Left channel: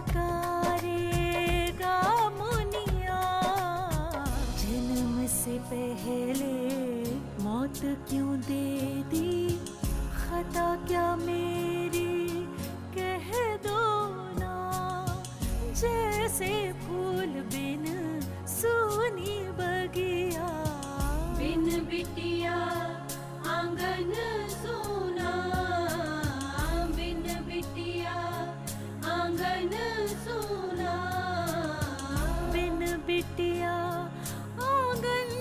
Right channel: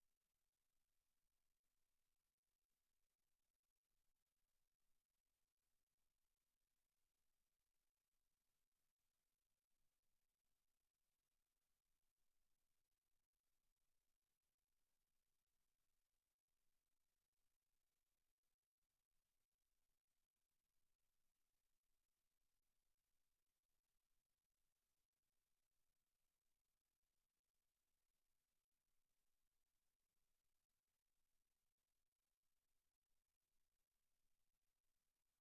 पुकारेगा मुनिया, जन्म से पहले मौत क्यों दे दी, खता क्या मेरी कह दो ना, जैसे फूल बिन सूनी बगिया, बिन बिटिया आंगन सूना, बिन बिटिया आंगन सूना, बिन बिटिया आंगन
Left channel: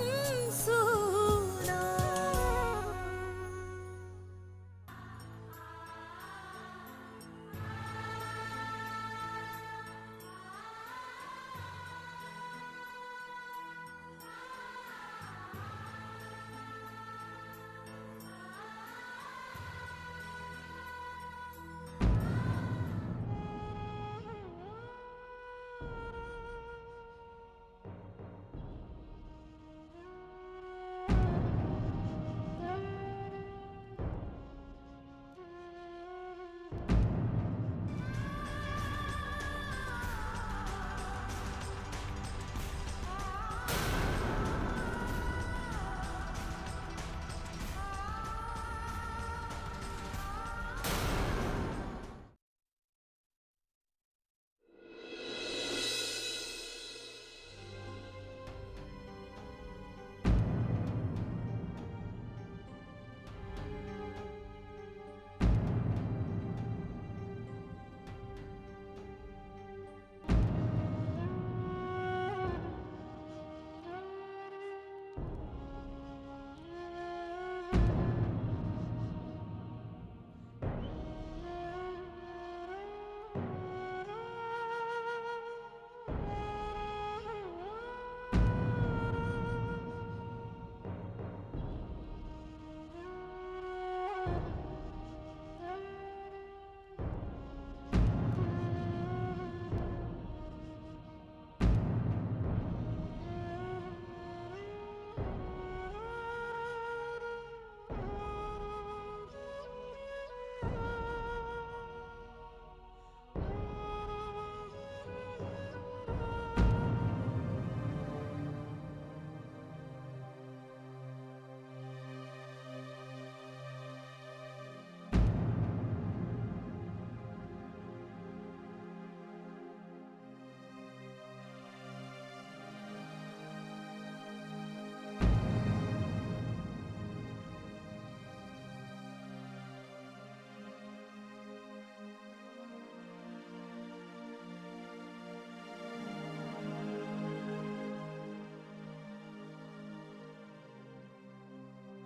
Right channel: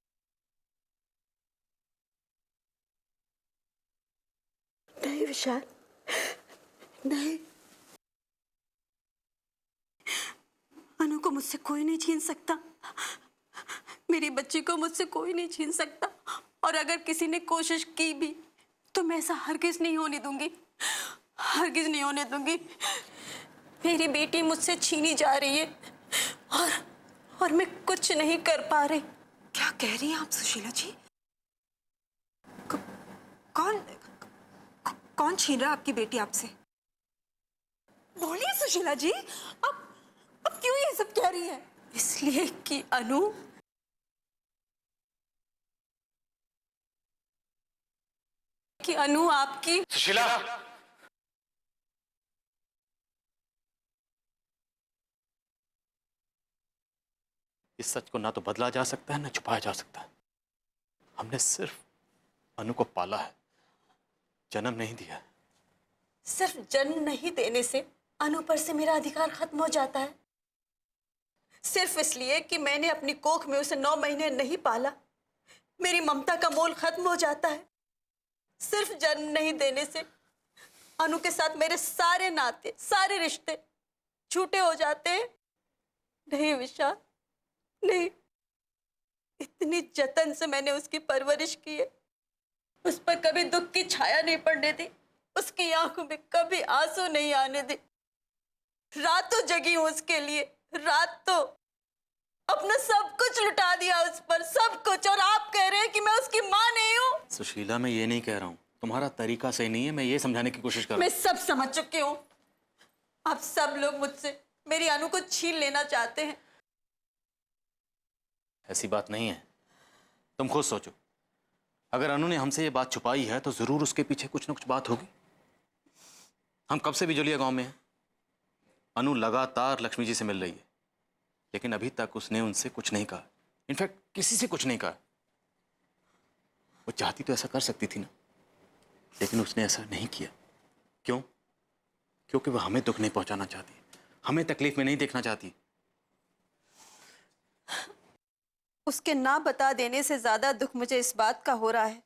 सूना। नहीं विशाल, नहीं, अनु को मुझसे कोई नहीं छीन सकता, मेरी बच्ची को मुझसे कोई नहीं छीन सकता, और अगर किसी ने कोशिश की भी तो मैं ऐसा हरगिज नहीं होने दूंगी, हरगिज नहीं होने दूंगी। मेरी बेटी मुझसे छीनी जा रही है और मैं कुछ नहीं कर पा रही। क्या कह रही हैं आप सुशीला जी? कौन छीन रहा आपकी बेटी आपसे? बोलिए सुशीला जी, अब क्यों ये सब कह रही है? इसलिए कि अनु आपकी। सुशीला, इस सच को ना तो बदला जा सकता है ना छुपाया जा सकता है। हमने सिर्फ अनु को पाला है, जन्म नहीं दिया। सिर्फ जन्म नहीं देने से अनु पर से मेरा अधिकार खत्म हो जाता है? सिर्फ इसलिए कि मैंने अपनी कोख में उसे 9 महीने नहीं पाला, मेरी ममता का मोल खत्म हो जाता है? सिर्फ जन्म नहीं देने से अनु के साथ मेरे सारे नाते, सारे रिश्ते झूठे हो जाते हैं? नहीं विशाल, नहीं। इतनी जतन से मैंने उसकी परवरिश की है, उस पर कभी दुख की छाया नहीं पड़ने दी, उसकी आंखों में कभी आंसू नहीं आने दी। रातों जगी हूं उसके लिए, रातों अपना सब कुछ लुटा दिया उस पर, सब कुछ। और आप कह रहे हैं कि मैं उसकी मां नहीं हूं? सुशीला, मैं ये नहीं कह रहा हूं, तुम्हारा तरीका सही नहीं है, मैं ये समझाने की कोशिश कर रहा हूं। मैं सब समझ चुकी हूँ। आप सब लोग मुझसे मेरी अनु को छीन लेना चाहते हैं। ऐसी बात नहीं है, तुम खुद सोचो। अगर अनु ने हमसे ये बात छुपाई है तो जरूर उसके पीछे कुछ न कुछ बात होगी। हम कब से बिजलिया गांव में हैं। अनु लगातार लक्ष्मी जी से मिल रही है, लेकिन अभी तक उसने उनसे कुछ नहीं कहा, इनफैक्ट किसी से कुछ नहीं कहा। वो चाहती तो ऐसा कर सकती थी ना, लेकिन उसने ऐसा नहीं किया। क्यों? क्योंकि वो हमें दुख नहीं पहुंचाना चाहती, हमें तकलीफ में नहीं देखना चाहती। उसके ना बता देने से ज्यादा दुख मुझे इस बात का हो रहा है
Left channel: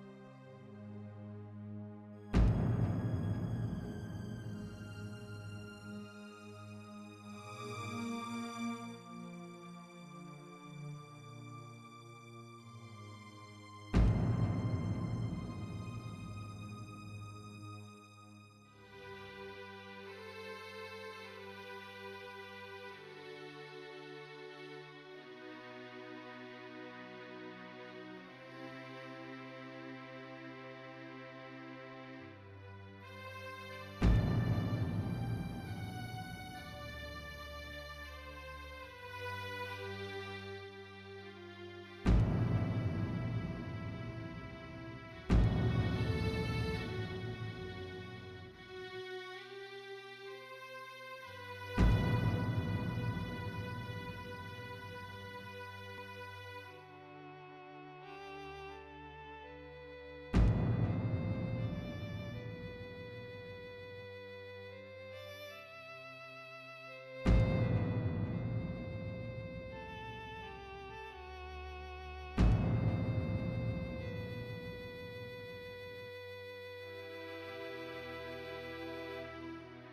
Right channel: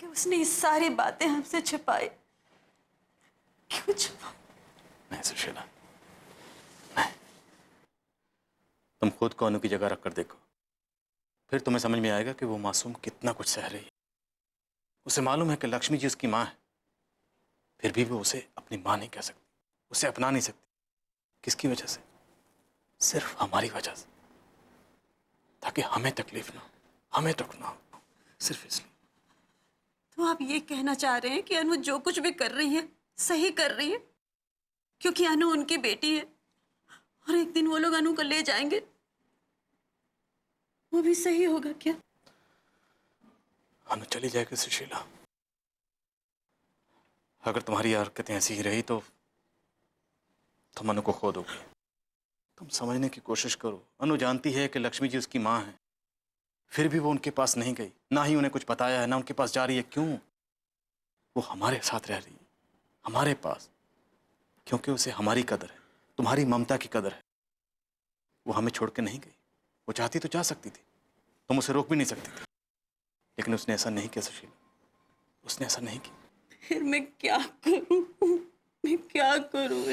कि उसने ये सारी बातें हमसे छिपाई। क्यों छिपाई? नहीं सुशीला, नहीं। तुम खुद को अनु की जगह रखकर देखो, फिर तुम्हें समझ में आएगा कि वो मासूम कितना कुछ सह रही है। उसे मालूम है कि लक्ष्मी जी उसकी मां है, फिर भी वो उसे अपनी मां नहीं कह सकती, उसे अपना नहीं सकती। किसकी वजह से? सिर्फ हमारी वजह से, ताकि हमें तकलीफ ना हो, हमें दुख ना हो, सिर्फ इसलिए। तो आप ये कहना चाह रहे हैं कि अनु जो कुछ भी कर रही है सही कर रही है, क्योंकि अनु उनकी बेटी है और एक दिन वो लोग अनु को ले जाएंगे, वो भी सही होगा क्या? अनु चली जाएगी सुशीला। अगर तुम्हारी हरकतें ऐसी ही रही तो तुम अनु को खो दोगे। समझने की कोशिश करो। अनु जानती है कि लक्ष्मी जी उसकी मां है, फिर भी वो उनके पास नहीं गई, ना ही उन्हें कुछ बताया है, ना उनके पास जा रही है। क्यों? वो हमारे साथ रह रही है, हमारे पास, क्योंकि उसे हमारी कदर है, तुम्हारी ममता की कदर है। वो हमें छोड़ के नहीं गई। वो चाहती तो जा सकती थी, तुम उसे रोक भी नहीं सकती थी, लेकिन उसने ऐसा नहीं किया सुशीला, उसने ऐसा नहीं किया। फिर मैं क्या करूं? मैं क्या करूं?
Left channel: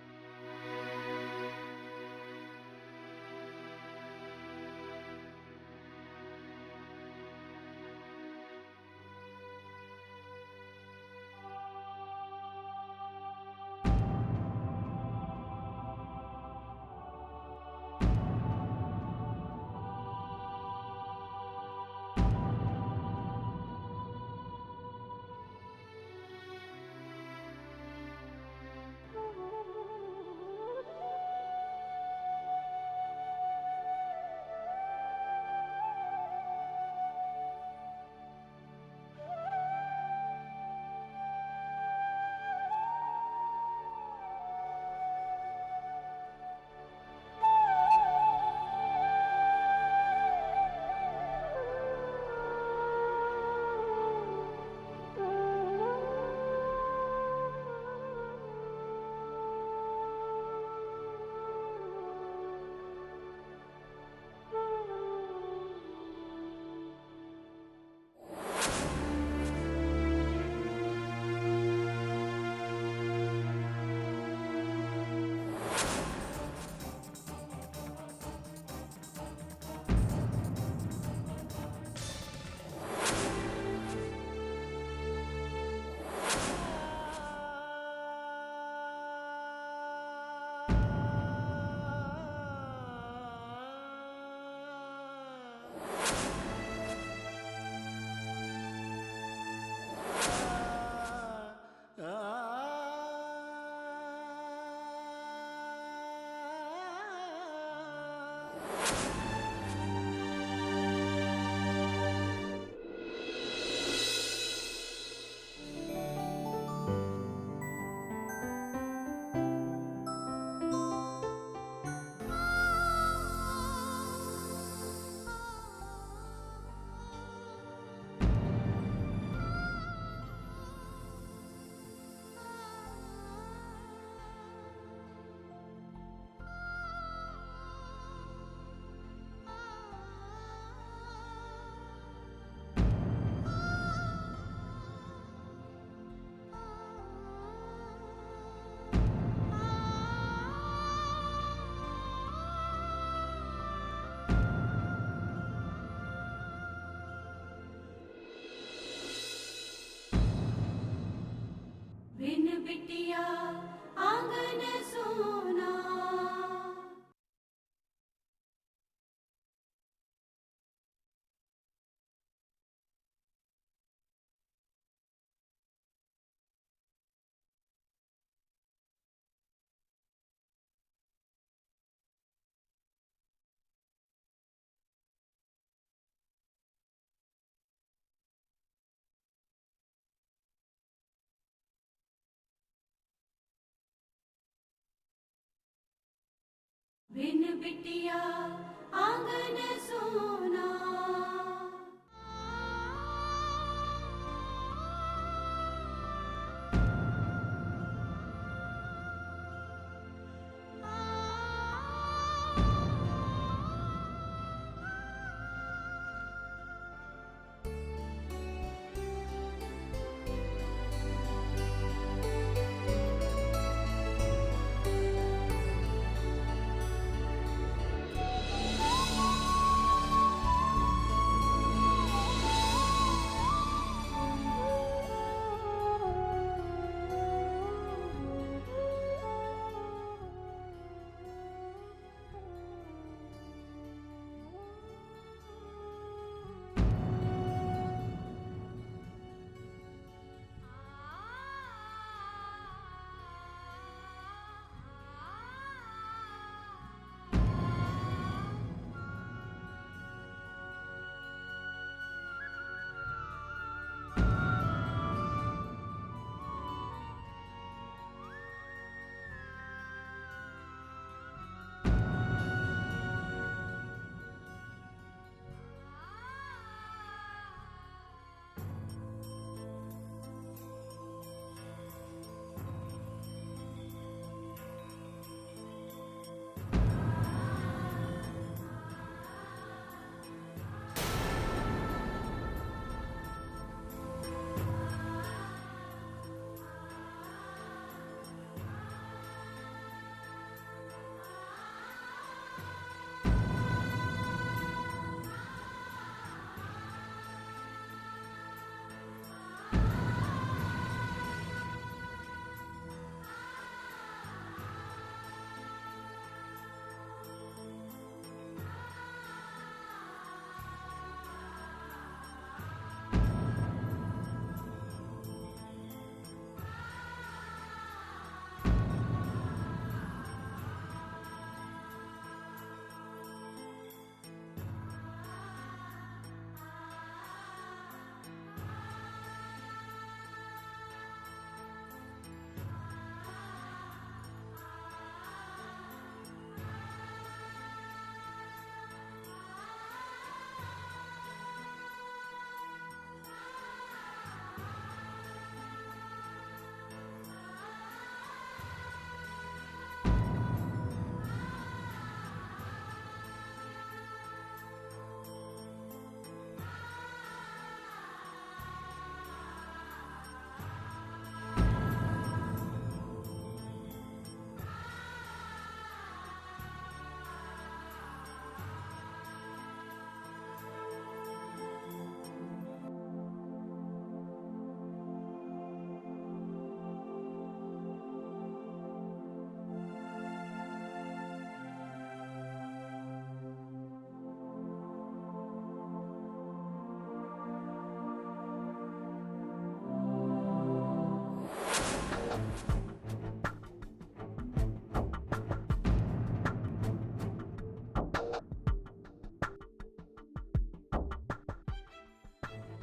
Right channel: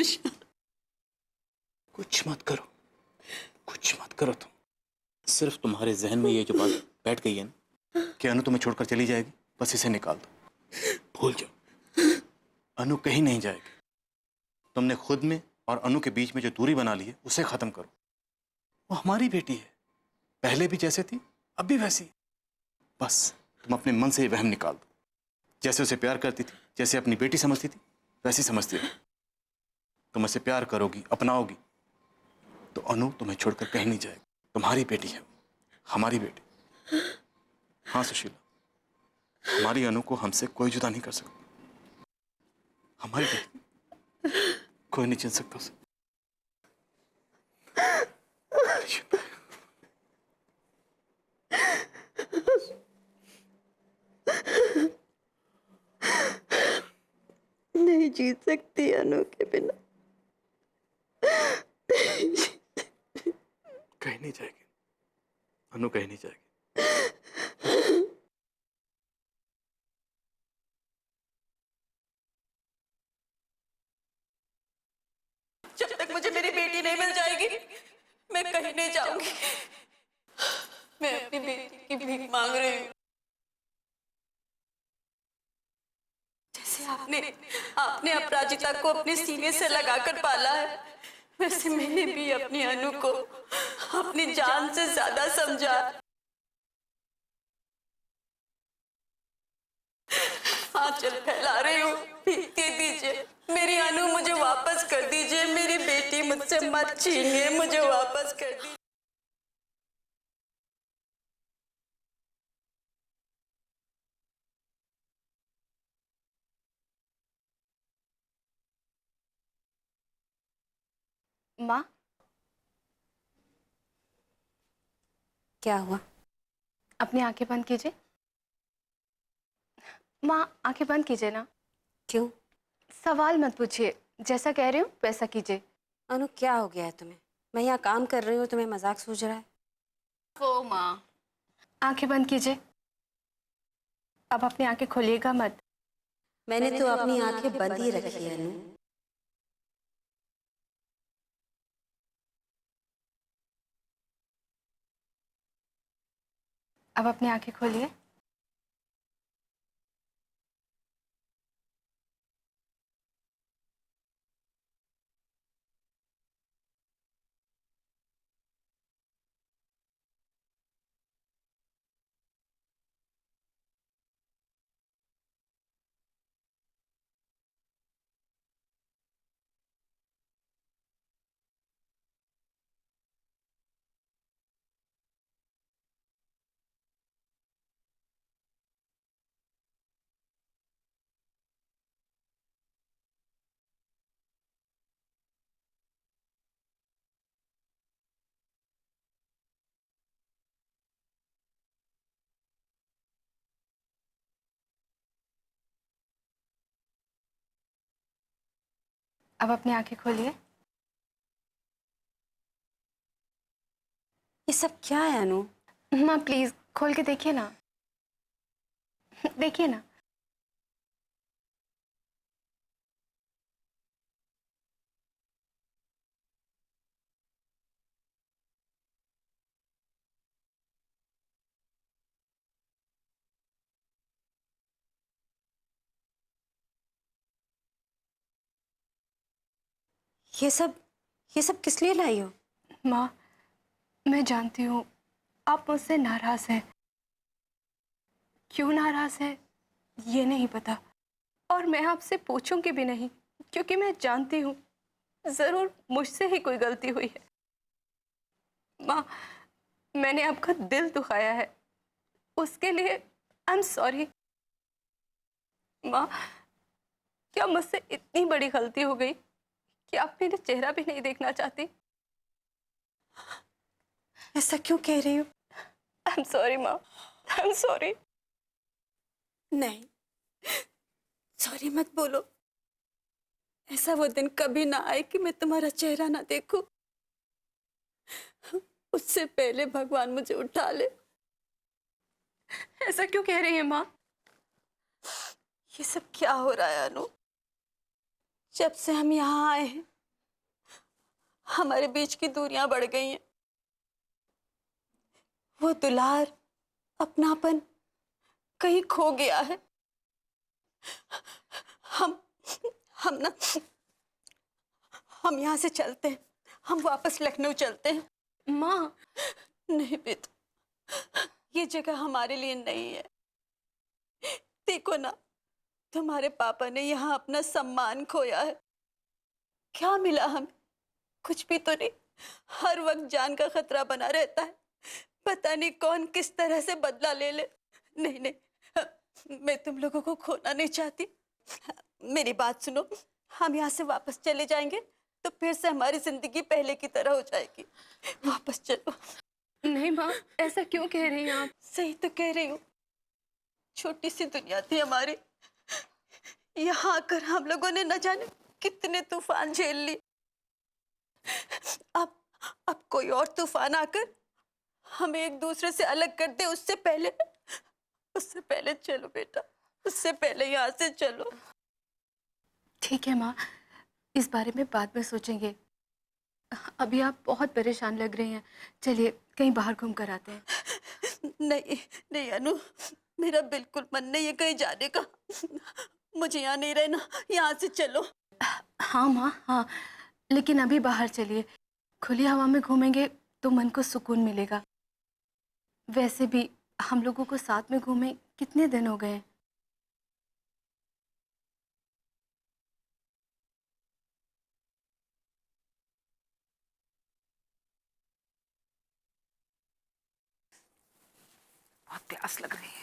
कुछ मत करो, कुछ मत करो। तुम सिर्फ तुम्हारे जहन में ये जो बात बैठ गई है ना कि अनु तुम्हें छोड़कर चली जाएगी, बस इसे निकाल दो, भूल जाओ। अनु कहीं नहीं जाएगी। तुमने खुद में और अनु के बीच में जो दूरी बना ली है उसे खत्म करो। वो हमारी बेटी है, पहले भी जैसे थी अब भी वैसी। बस तुम अपने मन से ये वहम निकाल दो। जैसे उसे प्यार करती थी, जैसे अपनी बेटी समझती थी, वैसी समझती रहो। तुम उसे प्यार करोगी, अपनाओगी, तो अनु तुम्हें छोड़कर कहीं नहीं जाएगी। तुम्हारी बेटी है, हमारी बेटी। हाँ सुशीला, हमारी अनु को हमसे कोई जुदा नहीं कर सकता। हमारी बेटी कोई नहीं छीन सकता उसे। नहीं जीत सकती अनु के बिना। कहीं नहीं जाएगी अनु, कहीं नहीं जाएगी। जब तक मुझे मेरी बेटी नहीं मिल जाएगी, मैं कहीं नहीं जाऊंगी। मैं अपनी बेटी की भीख मांग रही हूँ। जैसे आपने अपराजिता को अपने सीने से लगाकर पाला है, वैसे मैंने भी अपनी अनु को अपनी जान से ज्यादा समझा। आंचल फैला रही हूँ, दे दीजिए मेरी अनु, मुझे वापस कर दीजिए। मेरी बेटी मुझसे मत छीनिए, मुझे वापस कर दीजिए। माँ, क्या हुआ? अपनी आंखें बंद कीजिए। माँ, आंखें बंद कीजिए ना। क्यों? सवाल मत पूछिए, जैसा कह रही हूँ वैसा कीजिए। अनु, क्या हो गया है तुम्हें? मैं यहाँ काम कर रही हूँ, तुम्हें मजाक सूझ रहा है? वो माँ, आंखें बंद कीजिए। अब अपनी आंखें खोलिएगा मत। मैंने तो अपनी आंखें बंद ही रखी है अनु। अब अपनी आंखें खोलिए। बिन बिटिया आंगन सोना। बिन बिटिया आंगन सोना। अब अपनी आंखें खोलिए। ये सब क्या है अनु? माँ प्लीज खोल के देखिए ना, देखिए ना। ये सब किस लिए लाई हो? माँ, मैं जानती हूँ आप मुझसे नाराज हैं। क्यों नाराज है ये नहीं पता, और मैं आपसे पूछूंगी भी नहीं, क्योंकि मैं जानती हूँ जरूर मुझसे ही कोई गलती हुई है। माँ, मैंने आपका दिल दुखाया है, उसके लिए आई एम सॉरी। माँ, क्या मुझसे इतनी बड़ी गलती हो गई कि आप मेरा चेहरा भी नहीं देखना चाहती? ऐसा क्यों कह रही हो? आई एम सॉरी माँ, आई एम सॉरी। नहीं, सॉरी मत बोलो। ऐसा वो दिन कभी ना आए कि मैं तुम्हारा चेहरा ना देखूं। उससे पहले भगवान मुझे उठा ले। ऐसा क्यों कह रही है माँ? ये सब क्या हो रहा है अनु? जब से हम यहाँ आए हैं, हमारे बीच की दूरियां बढ़ गई हैं। वो दुलार, अपनापन कहीं खो गया है। हम यहाँ से चलते हैं, हम वापस लखनऊ चलते हैं। माँ, नहीं बेटा, ये जगह हमारे लिए नहीं है। देखो ना, तुम्हारे पापा ने यहाँ अपना सम्मान खोया है। क्या मिला हम? कुछ भी तो नहीं। हर वक्त जान का खतरा बना रहता है। पता नहीं कौन किस तरह से बदला ले ले। नहीं नहीं, मैं तुम लोगों को खोना नहीं चाहती। मेरी बात सुनो, हम यहाँ से वापस चले जाएंगे तो फिर से हमारी जिंदगी पहले की तरह हो जाएगी। वापस चलो। नहीं माँ, ऐसा क्यों कह रही हैं आप? सही तो कह रही हूँ। छोटी सी दुनिया थी हमारी। यहाँ आकर हम लोगों ने न जाने कितने तूफान झेल लिए। अब कोई और तूफान आकर हमें एक दूसरे से अलग कर दे, उससे पहले चलो बेटा, उससे पहले यहाँ से चलो। ठीक है माँ, इस बारे में बाद में सोचेंगे। अभी आप बहुत परेशान लग रही हैं। चलिए कहीं बाहर घूम कर आते हैं। नहीं नहीं अनु, मेरा बिल्कुल मन नहीं है कहीं जाने का। मुझे यहाँ नहीं रहना, यहाँ से चलो। हाँ माँ, हाँ, लेकिन अभी बाहर चलिए। खुली हवा में घूमेंगे तो मन को सुकून मिलेगा। वैसे भी हम लोगों को साथ में घूमे कितने दिन हो गए। बहुत प्यास लग रही है।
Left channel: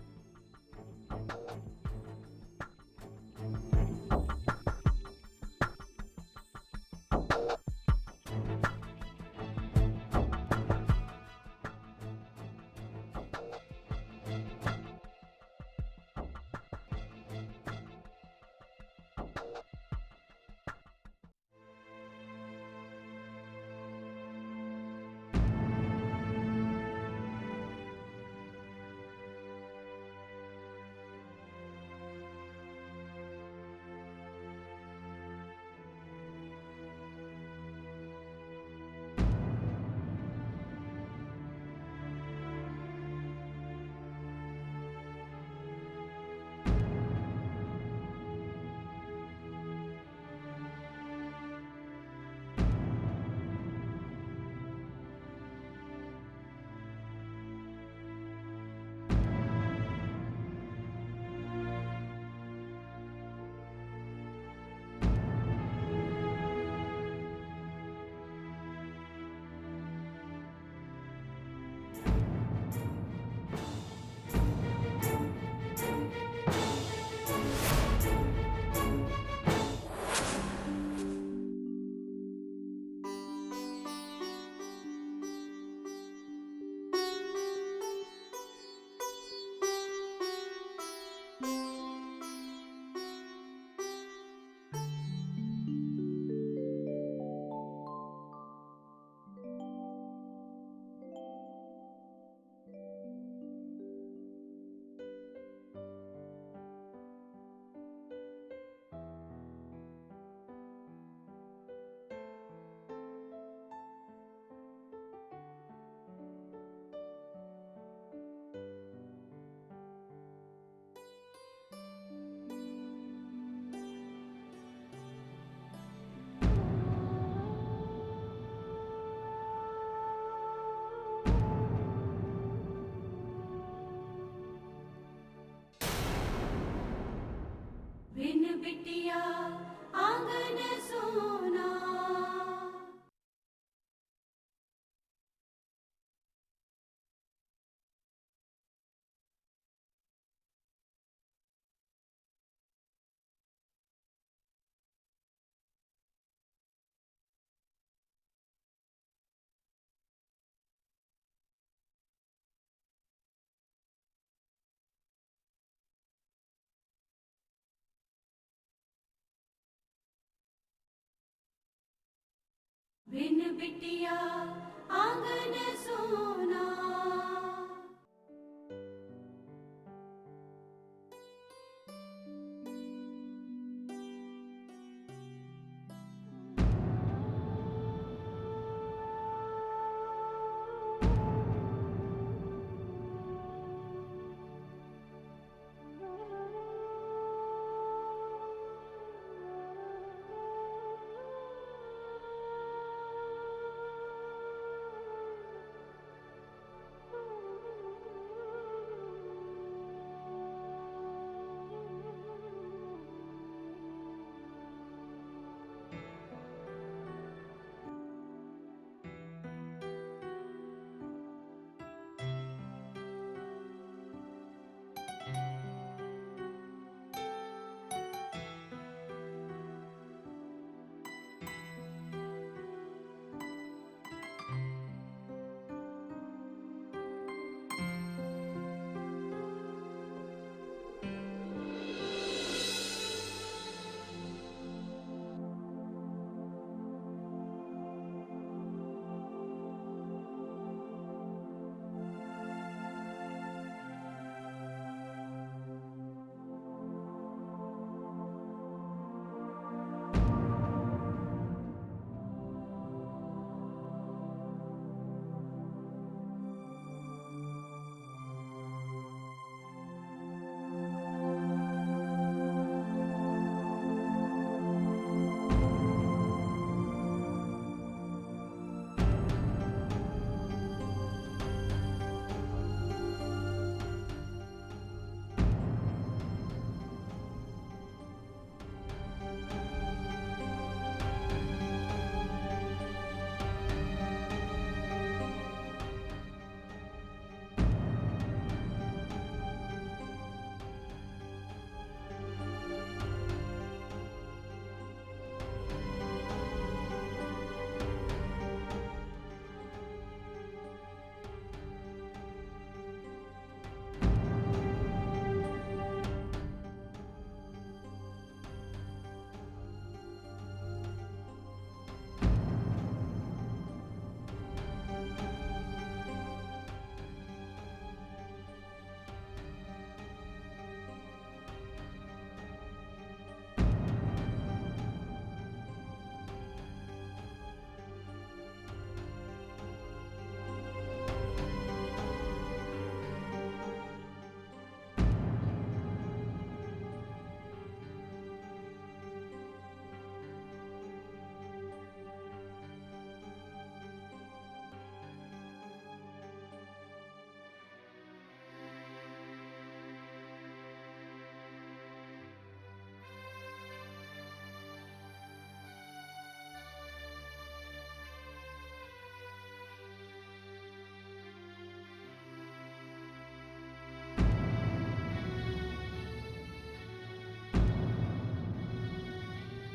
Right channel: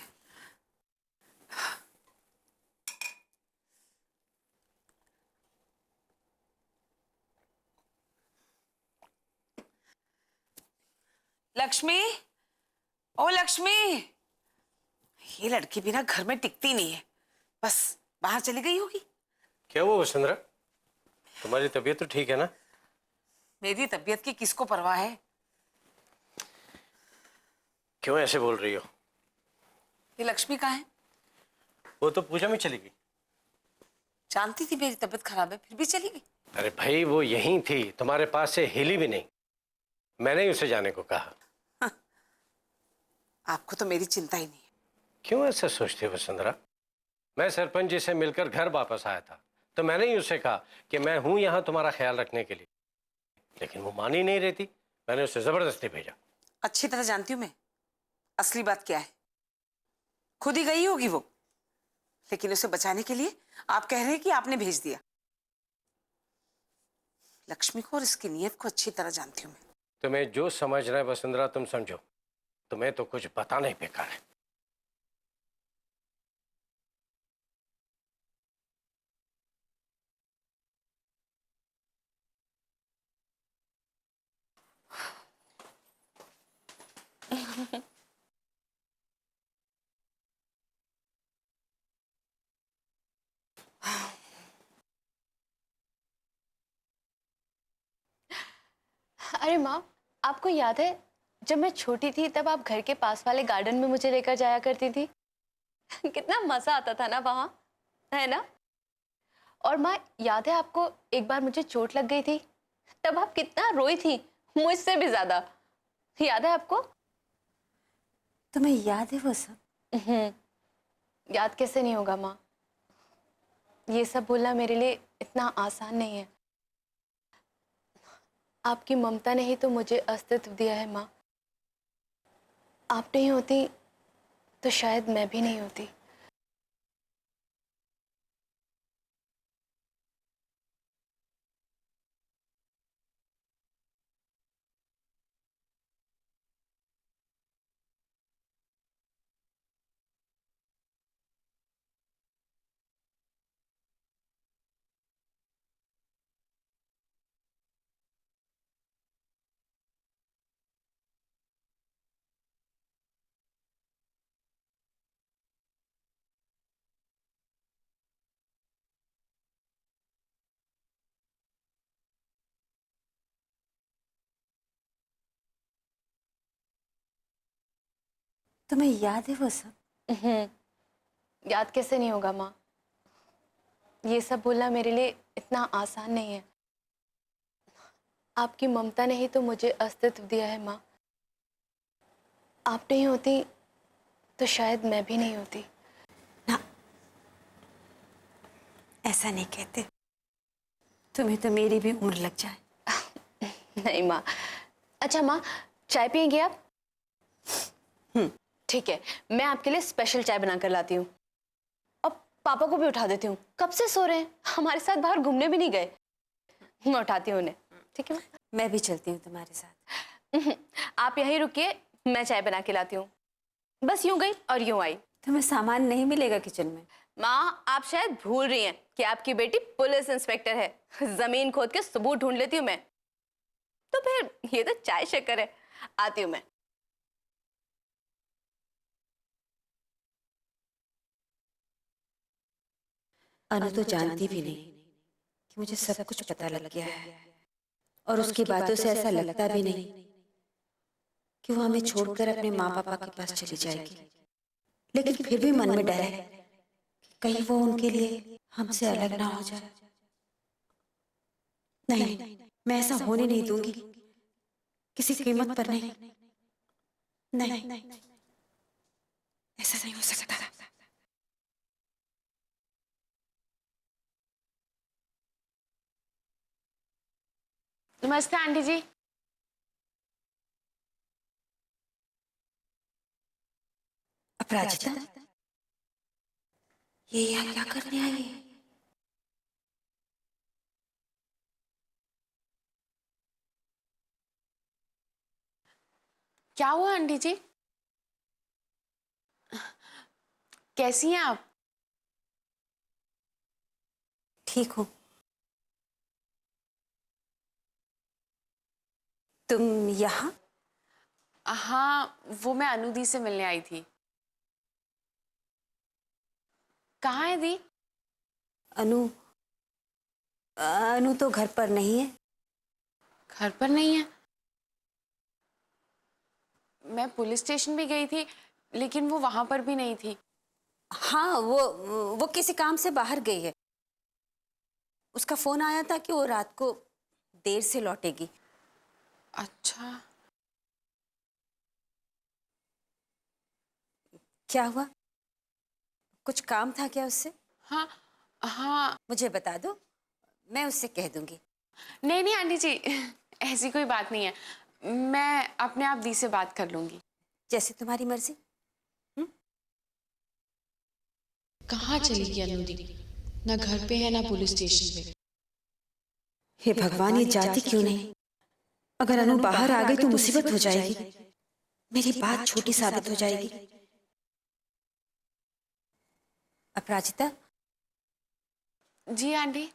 लक्ष्मी, ओ लक्ष्मी, ये लड़की भी ना घर में टिकती नहीं है, बस बाहर चली गई होगी। क्या हुआ वसुंधरा? तुम्हारी तबीयत तो ठीक है ना? मेरी तबीयत की किसको परवाह है? क्यों ऐसे बोल रही हो? ये लक्ष्मी कहाँ है? वो तो पूजा में चली गई। जानती थी मेरी तबीयत खराब है, फिर भी चली गई। अरे भाई, वो यहीं थी, तुम्हारे पास से हिली भी नहीं। मैंने ही उसे जाने को कहा। आपको तो मेरी चिंता ही नहीं। क्यों ऐसा सोचती हो वसुंधरा? मैं सरपंच जी से मिलकर घर वापस आया था तो मैंने ही उसे कहा कि मैं हूं यहाँ तुम्हारा ख्याल रखने के लिए, लेकिन वो मान ही नहीं रही थी। मैंने उसे जबरदस्ती भेजा। अच्छी तरह जानती हूँ मैं असली बात क्या है। खुद ही गई होगी वो, लेकिन उसे बचाने के लिए आप कह रहे हैं कि आपने भेज दिया। लक्ष्मी को और इसकी नीयत को अच्छी तरह जानती हूँ मैं। तुम्हें जो समझना है वसुंधरा तुम समझो, तुम्हें तो कुछ बताना ही बेकार है। अरे माँ, आपको याद है जब मैं छोटी थी तब आप घर के पास वाले गार्डन में मुझे लेकर जाया करती थी? कितना मजा आता था ना वहां, है ना? और माँ, याद है आपको एक बार मुझे चोट लग गई थी, तब आप कितना रोई थी, मुझसे भी ज्यादा। याद है आपको? तुम्हें याद है वो सब? याद कैसे नहीं होगा माँ? ये सब बोलना मेरे लिए इतना आसान नहीं है। आपकी ममता ने ही तो मुझे अस्तित्व दिया है माँ। आप नहीं होती तो शायद मैं भी नहीं होती। बिन बिटिया आंगन सोना। बिन बिटिया आंगन सोना। तुम्हें याद है वो सब? याद कैसे नहीं होगा माँ? ये सब बोलना मेरे लिए इतना आसान नहीं है। आपकी ममता ने ही तो मुझे अस्तित्व दिया है माँ। आप नहीं होती तो शायद मैं भी नहीं होती। ना, ऐसा नहीं कहते। तुम्हें तो मेरी भी उम्र लग जाए। नहीं माँ। अच्छा माँ, चाय पियेंगे आप? ठीक है, मैं आपके लिए स्पेशल चाय बना कर लाती हूँ। अब पापा को भी उठा देती हूँ, कब से सो रहे हैं, हमारे साथ बाहर घूमने भी नहीं गए। मैं उठाती हूँ उन्हें, ठीक है? मैं भी चलती हूँ तुम्हारे साथ। आप यहीं रुकिए, मैं चाय बना के लाती हूँ। बस यूं गई और यूं आई। तुम्हें सामान नहीं मिलेगा किचन में। माँ, आप शायद भूल रही हैं कि आपकी बेटी पुलिस इंस्पेक्टर है। जमीन खोद के सबूत ढूंढ लेती हूँ मैं। तो फिर ये तो चाय शक्कर है। आती हूँ मैं। अनु तो जानती भी नहीं कि मुझे सब कुछ पता लग गया है, और उसकी बातों से ऐसा लगता भी नहीं कि वो हमें छोड़कर अपने माँ पापा के पास चली जाएगी। लेकिन फिर भी मन में डर है कि कहीं वो उनके लिए हमसे अलग ना हो जाए। नहीं, मैं ऐसा होने नहीं दूंगी, किसी कीमत पर नहीं। नहीं, ऐसा नहीं हो सकता। नमस्ते आंटी जी। अपराजिता, ये यहाँ क्या करने आई है? क्या हुआ आंटी जी? कैसी हैं आप? ठीक हूँ। तुम यहाँ? हाँ, वो मैं अनु दी से मिलने आई थी। कहाँ है दी? अनु तो घर पर नहीं है। घर पर नहीं है? मैं पुलिस स्टेशन भी गई थी, लेकिन वो वहां पर भी नहीं थी। हाँ, वो किसी काम से बाहर गई है। उसका फोन आया था कि वो रात को देर से लौटेगी। अच्छा। क्या हुआ? कुछ काम था क्या उससे? हाँ हाँ। मुझे बता दो, मैं उससे कह दूंगी। नहीं नहीं आंटी जी, ऐसी कोई बात नहीं है। मैं अपने आप दी से बात कर लूंगी। जैसे तुम्हारी मर्जी। कहाँ चली गई अनु दी? ना घर पे है ना पुलिस स्टेशन पे। हे भगवान, ये जाती क्यों नहीं? अगर अनु बाहर आ गई तो मुसीबत हो जाएगी। मेरी बात छोटी साबित हो जाएगी। अपराजिता। जी आंटी।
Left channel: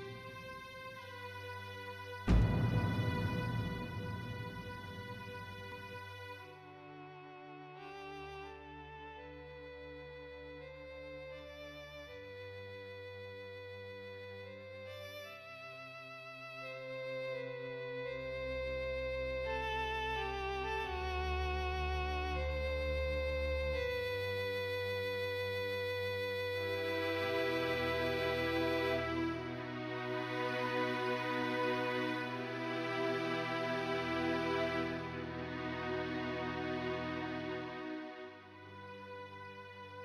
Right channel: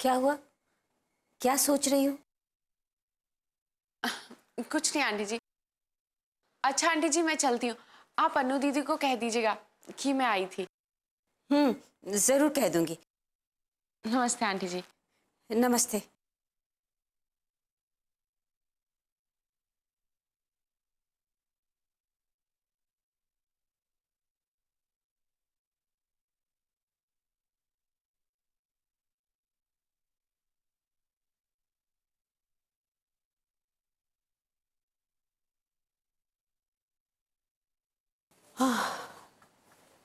क्या हुआ? क्या सोच रही हो? कुछ नहीं आंटी जी। अच्छा आंटी जी, मैं चलती हूँ। आप अनु दीदी को कह दीजिएगा कि मैं आई थी। जरूर कह दूंगी। नमस्ते आंटी जी। नमस्ते।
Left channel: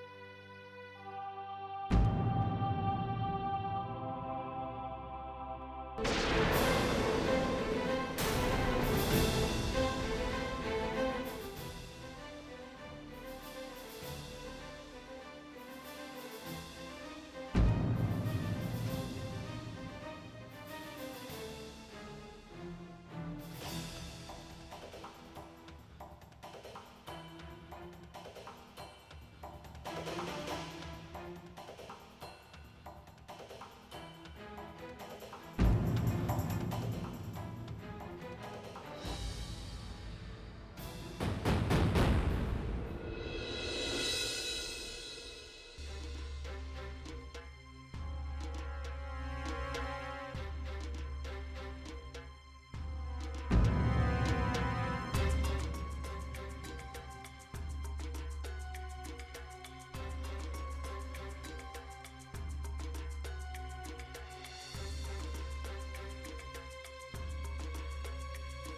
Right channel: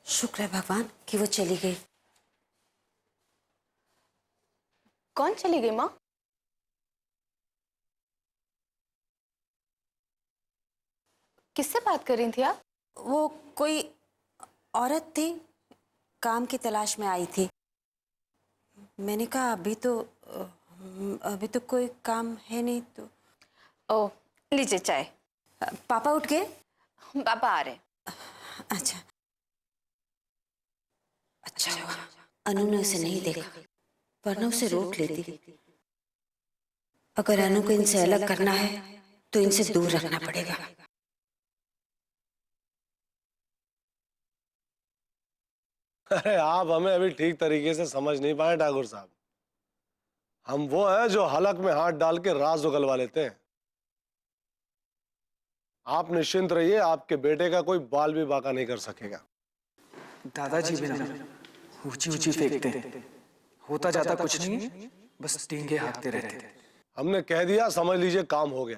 शुक्र है भगवान कि वो चली गई। कौन चली गई माँ? किससे बात कर रही थी आप? वो कोई औरत थी, काम की तलाश में आई थी। मैंने कहा अभी तो कोई काम है नहीं तो। ओह, लीजिए चाय। पापा उठ गए? पापा आ रहे हैं। अच्छा हुआ अनु ने उसे नहीं देखा, वरना उसे रोक लेती। अगर अनु को इनसे अलग करना है तो इनसे दूर रखना पड़ेगा। अरे आप हमें अभी ठीक तरीके से समझ नहीं पाए ठाकुर साहब। हम वो हैं जो हलक में हाथ डाल के राज उगलवा लेते हैं। आप निश्चिंत रहिए, आपके बेटे का कोई बाल भी बाका नहीं कर सकेगा। दादाजी भी ना ऊंची ऊंची फेंकते हैं, होता जाता कुछ नहीं, बस डींगे हाँकते रहते हैं। हमने कह दिया, समझ लीजिए काम हो गया।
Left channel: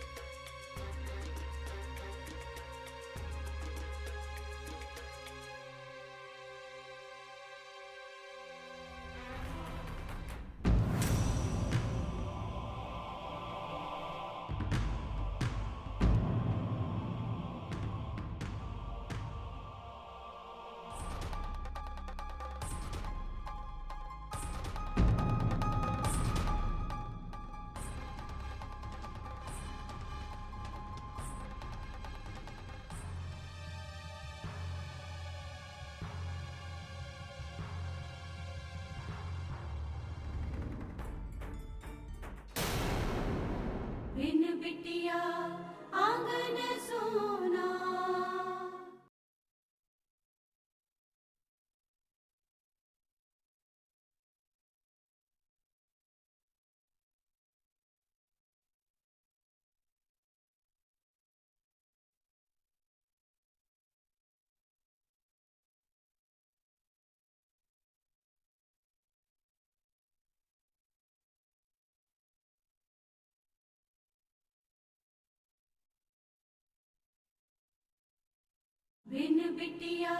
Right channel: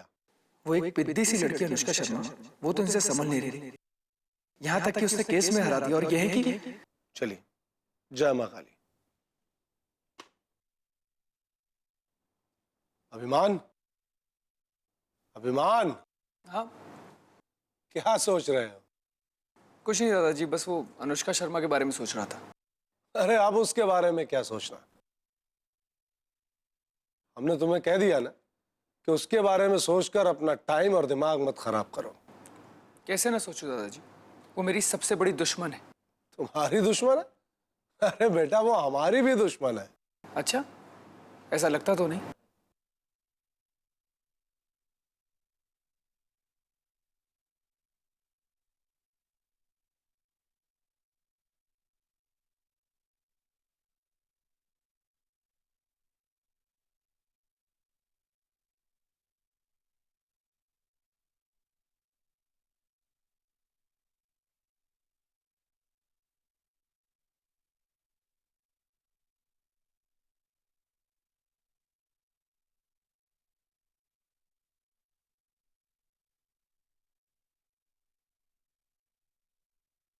वो एक पिद्दी सी लड़की अनुष्का शर्मा, वो तो इनसे समझ नहीं रही। यहाँ तक कि उसने केस में हरा दिया, और यह है कि चलिए, जय मां काली। अभिमान, अभिमान। हाँ? क्या सोच रहे हैं? कुछ नहीं दादाजी, बस वो अनुष्का शर्मा के बारे में सोच रहा था। अरे अब उसके बारे में क्या सोचना? हमने तुम्हें कह दिया ना कि उसके बारे में सोचकर अपना टाइम और दिमाग मत खराब करो। कैसे ना सोचो दादाजी, वो मेरी सबसे बड़ी दुश्मन है। तुम्हारी दुश्मन है? अरे बेटा, वो हमारी भी दुश्मन है। अच्छा, ऐसा लगता तो नहीं। बिन बिटिया आंगन सोना। बिन बिटिया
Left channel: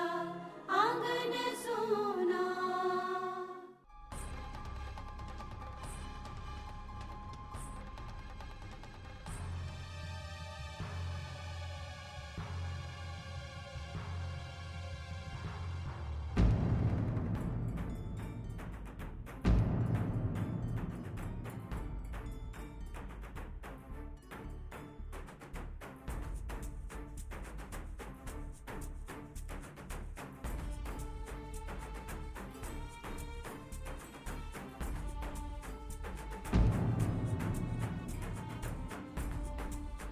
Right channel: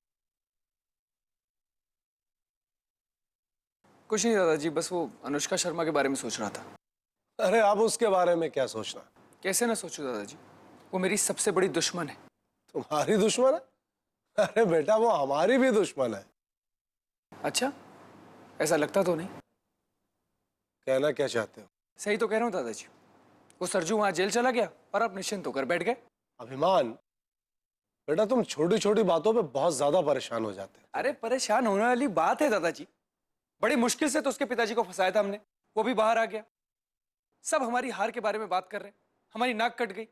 आंगन सोना। कुछ नहीं दादाजी, बस वो अनुष्का शर्मा के बारे में सोच रहा था। अरे अब उसके बारे में क्या सोचना? कैसे ना सोचो दादाजी, वो मेरी सबसे बड़ी दुश्मन है। तुम्हारी दुश्मन है? अरे बेटा, वो हमारी भी दुश्मन है। अच्छा, ऐसा लगता तो नहीं। कहना क्या चाहते हो? सही तो कह रहा हूँ दादाजी। वो सरजू वहां जेल चला गया और आप निश्चिंत होकर बैठ गए। अभिमान, बेटा तुम छोटी छोटी बातों पे बहुत ज्यादा परेशान हो जाते हो। अरे परेशान होने वाली बात है दादाजी। बड़ी मुश्किल से तो उसके पिताजी को फंसाया था हमने, वो भी बाहर आ गया। सब हमारी हार के बारे में बात कर रहे हैं, हमारी नाक कट गई।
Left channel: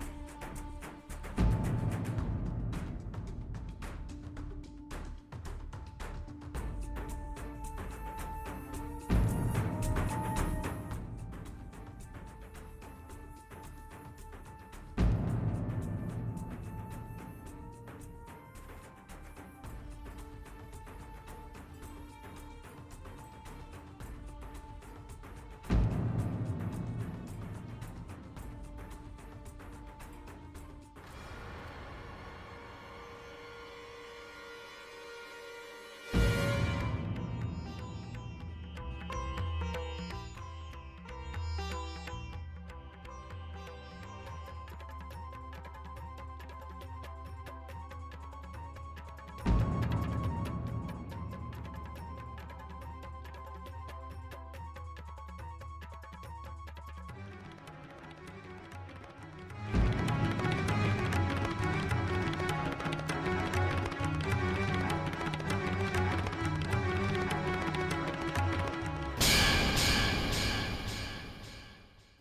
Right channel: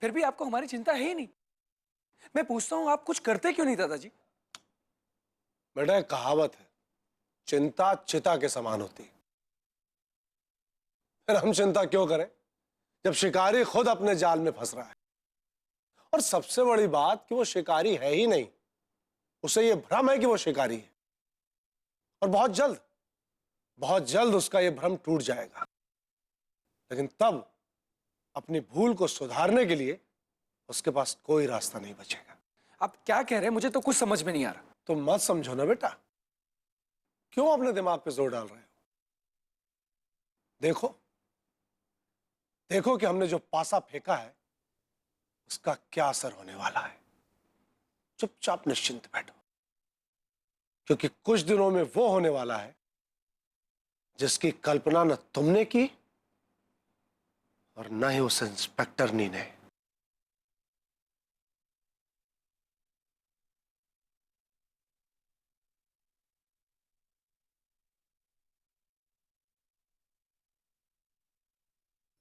फिर भी आपको हमारी चिंता है ही नहीं। मैं पूछता हूँ, आप कुछ करते क्यों नहीं दादाजी? बेटा एक कहावत है, चिंता चिता के समान होती है। फिर हम चिंता क्यों करें जब शिकारी खुद अपने जाल में फंस रहा है? और सबसे बड़ी बात कि वो शिकारी है ही नहीं, उसे ये भ्रम है कि वो शिकारी है। और बहुत जल्द उसका ये भ्रम टूट जाएगा। लेकिन तब अपनी भूल को सुधारने के लिए उसके पास कोई रास्ता नहीं बचेगा। आप क्या कह रहे हैं? मुझे तो कुछ समझ में नहीं आ रहा। तुम मत समझो ना बेटा, क्यों अपने दिमाग पे जोर डाल रहे हैं? देखो कि हमने जो पासा फेंका है इसका क्या असर होने वाला है। चुपचाप निश्चिंत बैठो, क्योंकि कुछ दिनों में वो होने वाला है जिसकी कल्पना न तुमने की और न ही उस इंस्पेक्टर नी ने।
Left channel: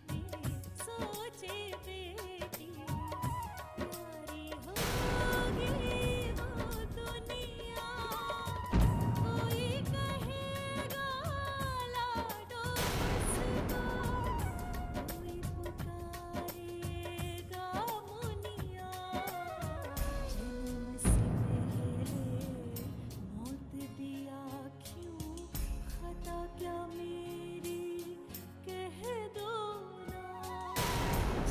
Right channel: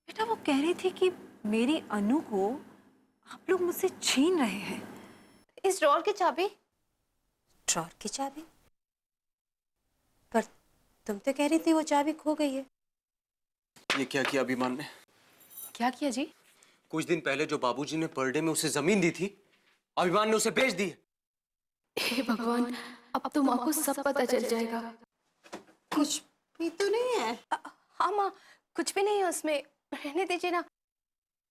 बेटा वो कह रही थी कि मेरी अनु को आप लोग मुझसे छीन रहे हैं। इस ड्रॉर की चाबी? ड्रॉर की चाबी? पर तुम तो कह रही थी वो चाबी खो गई है। ये क्या किया अभिमान ने? क्या किया जी? कुछ दिन पहले जो बाबूजी ने बर्थडे में उसे जमीन दी थी, अभिमान ने उसे बेच दी। हे भगवान, अब तो माँ को सब पता चल जाएगा। कुछ भी तो नहीं है। हाँ माँ, कुछ भी नहीं है उसमें, रहने दीजिए ना।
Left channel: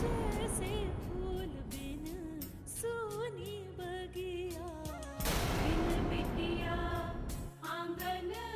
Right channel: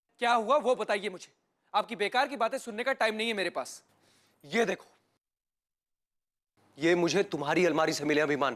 क्या हुआ वो बताइए मुझे। आपकी बेकार की बातें सुनने का टाइम नहीं है मेरे पास। ये देखो, ये मुझे तुम्हारी अलमारी से मिले अभिमान।